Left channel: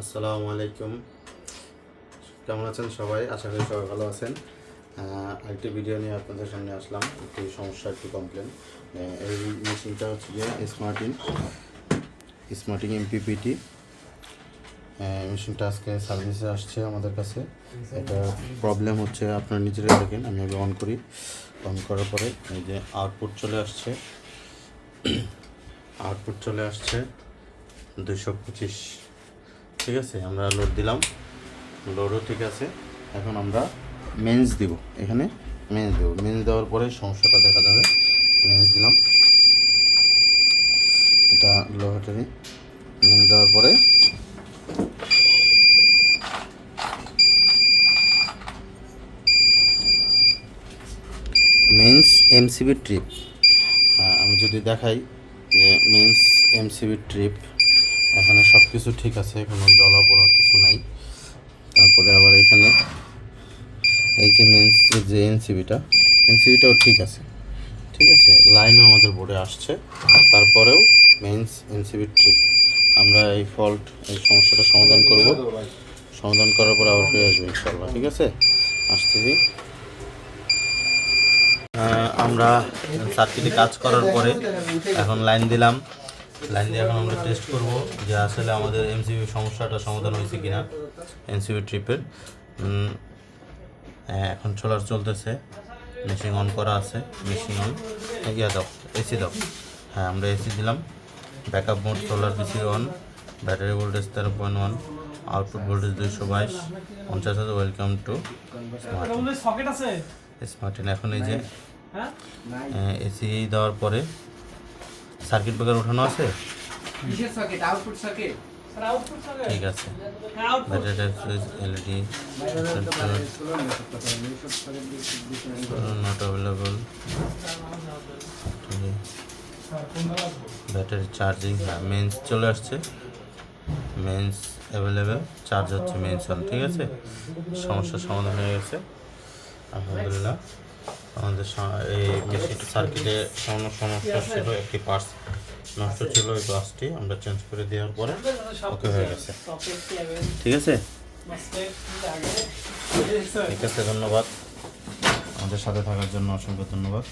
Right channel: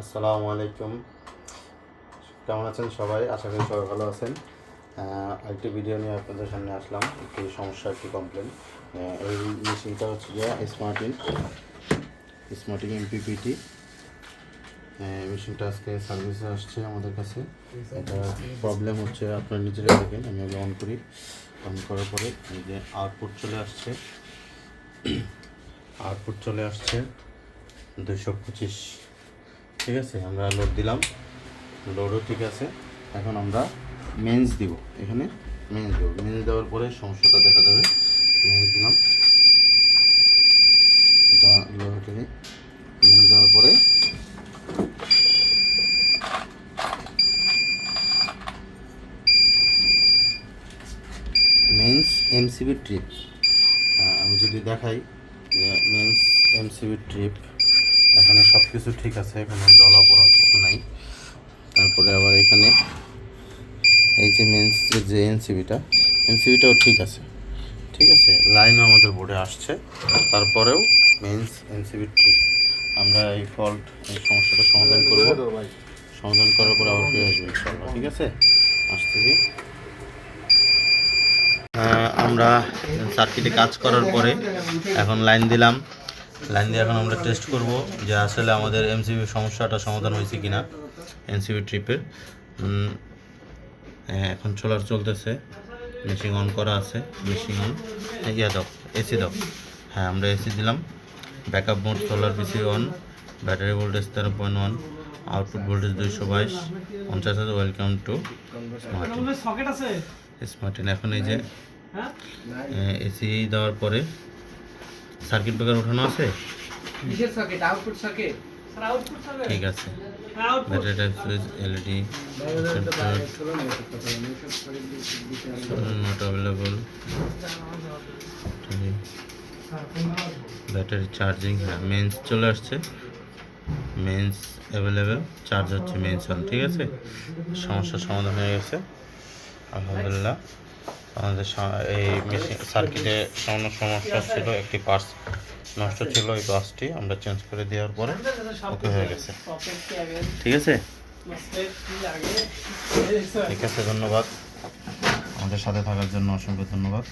আসসালামু আলাইকুম। কেমন আছেন সবাই? আশা করি সবাই ভালো আছেন। আরেকটি ভিডিও নিয়ে আপনাদের সামনে আসলাম। একটি সমস্যা, একটি কমপ্লেন। এই মেশিনটা হচ্ছে গিয়ে স্মার্টিং এমপিপিটি মেশিনটা আজকে সার্ভিসে আসছে আমাদের কাছে। এটা প্রবলেম হচ্ছে, আপনারা নিজেরাই দেখেন। আমি অন করি, অন করার পরে এই যে আউটপুট চলে আসছে 225। ঠিক আছে, আমরা লোড দিলাম, লোডও ঠিক আছে। এখন আমরা মেন্স দিব, এখানে মেন্স দেওয়ার পরে সমস্যাটা দেখা যাবে। মেন্স দিলাম, এটা লো থেকে মেন্স দেওয়ার পরে মেন্স এমসিবি ট্রিপ। আমি যদি দেখাই যে মেন্স এমসিবি ট্রিপ, এখানে সব কিছু ঠিক আছে, কোনো জ্বলা পোড়া কিছু নাই। তারপরে আবার এখানে এই যে মেন্স যে এমসিবিটাও ঠিক আছে। লাইনও আমাদের বোর্ডে আসছে, তারপরেও মেন্স এমসিবি ট্রিপ। আমরা এই সমস্যাটা সমাধান করব। সমাধান করার পর আবার ফিরে আসবো ইনশাআল্লাহ। ঠিক আছে, আসতেছি। আমরা সার্কিটে কাজ করার পরে এখন লাইন দিয়ে এখন আমরা টেস্ট করব যে আসলে আমাদের এমসিবি সমস্যাটা সমাধান হয়েছে কিনা। এমসিবি ট্রিপের এখন সোলার চলতেছে, মেশিন অন করা আছে। মেশিন অন, দাও এসি দাও। আমরা এসি দিলাম। Backup mode solar PC on, battery voltage 13.1, output voltage 222, 50,000। Welcome to Smarten. এখন এই যে এসি দেওয়ার পরে সার্কিট ব্রেকার ওঠানো আছে, ঠিক আছে। Battery type switch, LED not available, battery charging. Mains চলে আসছে, মেন্স অ্যাভেলেবেল, চার্জ হচ্ছে মেন্স অন। ঠিক আছে, সমস্যার সমাধান হয়ে গেছে আলহামদুলিল্লাহ। আমাদের এই মেশিন সার্কিটে সামান্য সমস্যা ছিল, একটি পার্টস নষ্ট ছিল। এই পার্টসটি আমরা চেঞ্জ করে দেওয়ার পরে ওকে হয়ে গেছে। ঠিক আছে, ধন্যবাদ আমাদের সাথে থাকার জন্য, অসংখ্য ধন্যবাদ।